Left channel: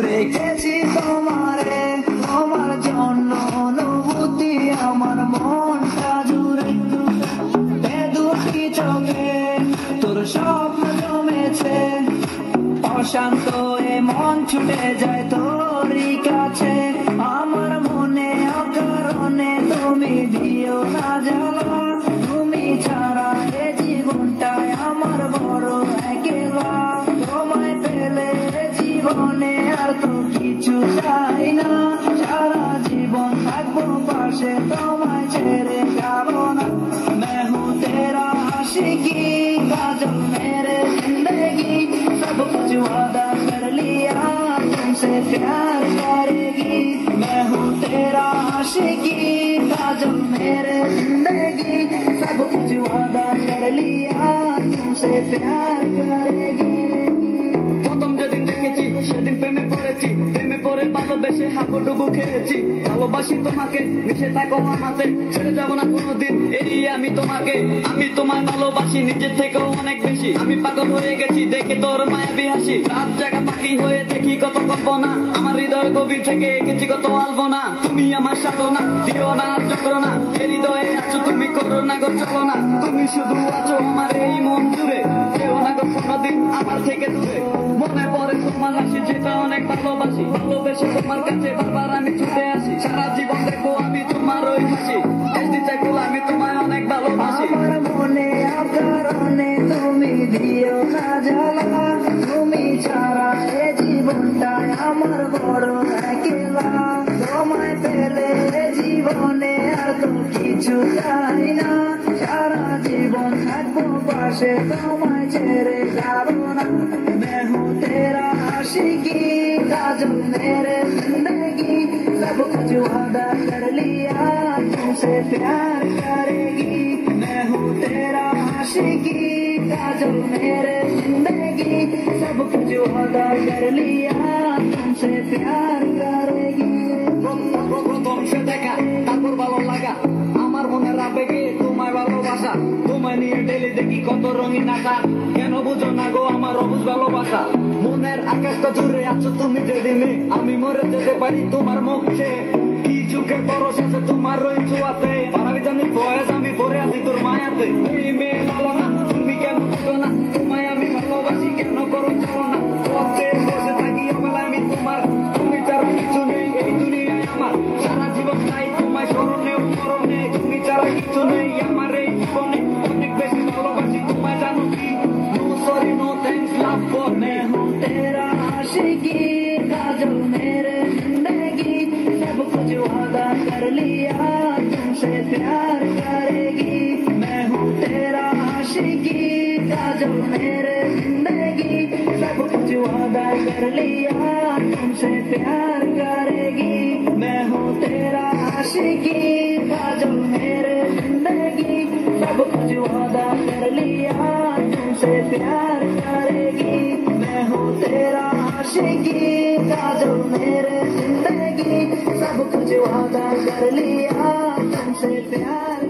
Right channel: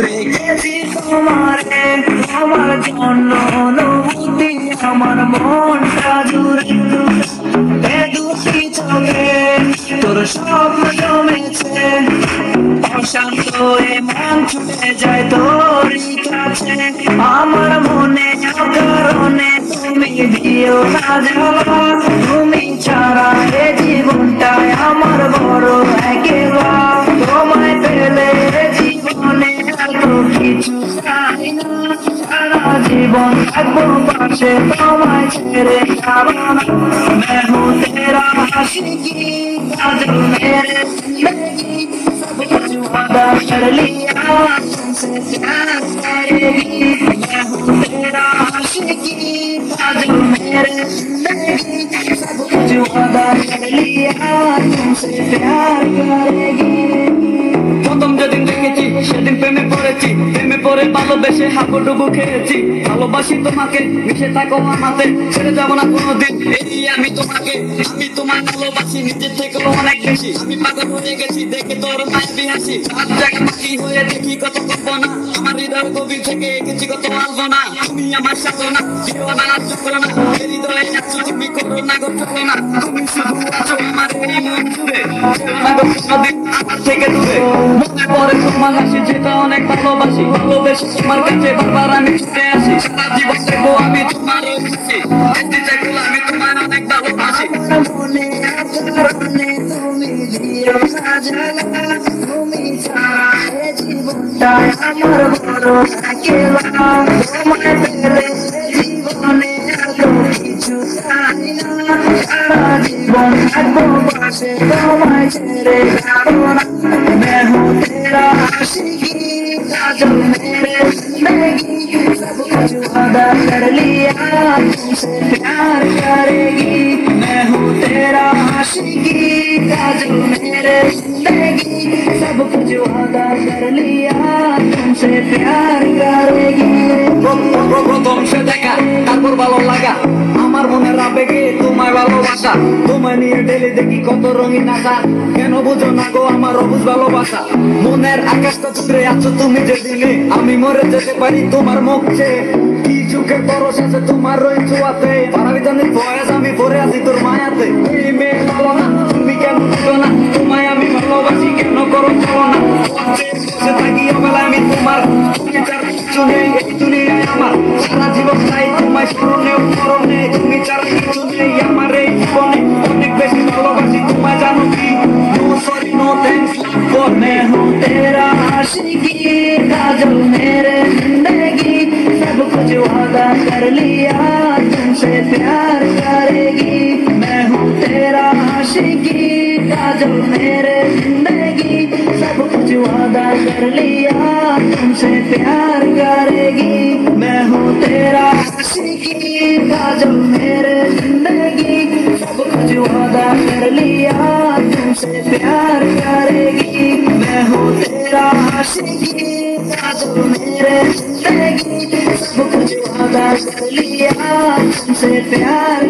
রেখেছি তোমারে আমার জন্য অনুভূতি আমার মনটা জুড়ে দুটি চোখে তোর স্বপ্ন জমেছে অশান্ত এ মন ছুটে যায় তোরই কাছে আমার মনে অকারণে তুমি দিও না জ্বালা তুমি ছাড়া এ জীবনটাই আমার বড় একেলা তোমায় পেলে জীবনে এত কিছু চাই না সারা জীবন থাকবো পাশে তোমায় ছেড়ে যাবো না मैं हूँ तेरा आशिकी काजल मेरे जिंदगी सब कुछ वादा कर लिया तुमसे प्यार करेगी मैं हूँ तेरा आशिकी काजल मेरे जिंदगी सब कुछ वादा कर लिया तुमसे प्यार करेगी প্রথম যেদিন দেখেছি সেদিন প্রেমে পড়েছি প্রেমে পড়ে ভালোবেসে হাবুডুবু খেয়েছি ভালোবাসি তোমাকে মিশে থাকো আমাতে ছেড়ে যাবো না কোনোদিন এই আমি তোমাকে আমি তোমায় ভালোবাসি নিজের থেকেও অনেক বেশি আমি পাগল হয়ে গেছি দেখে তোর মায়াবী হাসি রাত জায়গা মাটি হয়ে দেখি কত কল্পনা আমার হৃদয় গভীর থেকে এঁকেছি কত আলপনা তুমি আমার সাথে না দিও না চক্র না হৃদয়ে আছো তুমি করো না গো চলো না তুমি শুধু আছো আমার এই মন জুড়ে চলো না গো কোনোদিন আমার থেকে দূরে মনে পড়ে তোমার হাসি যেটা অনেক ভালোবাসি ভালোবেসে তোমার কাছে বারবার আমি ছুটে আসি সারা জীবন দেখবো আমি তোমার ওই খুশি একদিন দেখবো আমি তোমার অনেক ভালোবাসি মনে কারণে তুমি দিও না জ্বালা তুমি ছাড়া এ জীবনটাই আমার বড় একেলা তোমায় পেলে জীবনে এত কিছু চাই না সারা জীবন থাকবো পাশে তোমায় ছেড়ে যাবো না मैं हूँ तेरा आशिकी काजल मेरे जिंदगी सब कुछ वादा कर लिया तुमसे प्यार करेगी मैं हूँ तेरा आशिकी काजल मेरे जिंदगी सब कुछ वादा कर लिया तुमसे प्यार करेगी প্রথম সে দেখা তারপর ভালো লাগা আমার মনের আবেগে তোমায় ভালোবাসা তোমায় নিয়ে ডেলি দেখি কত রঙিন আশা কেন বুঝো না গো আমার অবুঝ ভালোবাসা মনের আকাশটা জুড়ে আছো তুমি যে দিনে আমি মরে যেতে পারি তোমার মুখ চেয়ে কি চোখে পরশ আছে তোমার ওই ছোঁয়াতে পারাবি জানি বয়স আমি পরে আছি তোর মায়াতে এই মেয়ে বলো না তুমি কেন বুঝো না তোমায় আমি ভালোবাসি কেন করো চলো না বসে থাকি অবেলা আমি তোমার তুমি ছাড়া কিছু নেই এই দুনিয়ায় আমার সারা জীবন চাই তোমায় স্মরণে মরণে তুমি ছাড়া কিছু নেই আমার এই জীবনে অনেক বেশি ভালোবাসি তোমায় জানো কি no sorry no thanks love for मैं हूँ तेरा आशिकी काजल मेरे जिंदगी सब कुछ वादा कर लिया तुमसे प्यार करेगी मैं हूँ तेरा आशिकी काजल मेरे जिंदगी सब कुछ वादा कर लिया तुमसे प्यार करेगी मैं हूँ तेरा आशिकी काजल मेरे जिंदगी सब कुछ वादा कर लिया तुमसे प्यार करेगी मैं हूँ तेरा आशिकी काजल मेरे जिंदगी सब कुछ वादा कर लिया तुमसे प्यार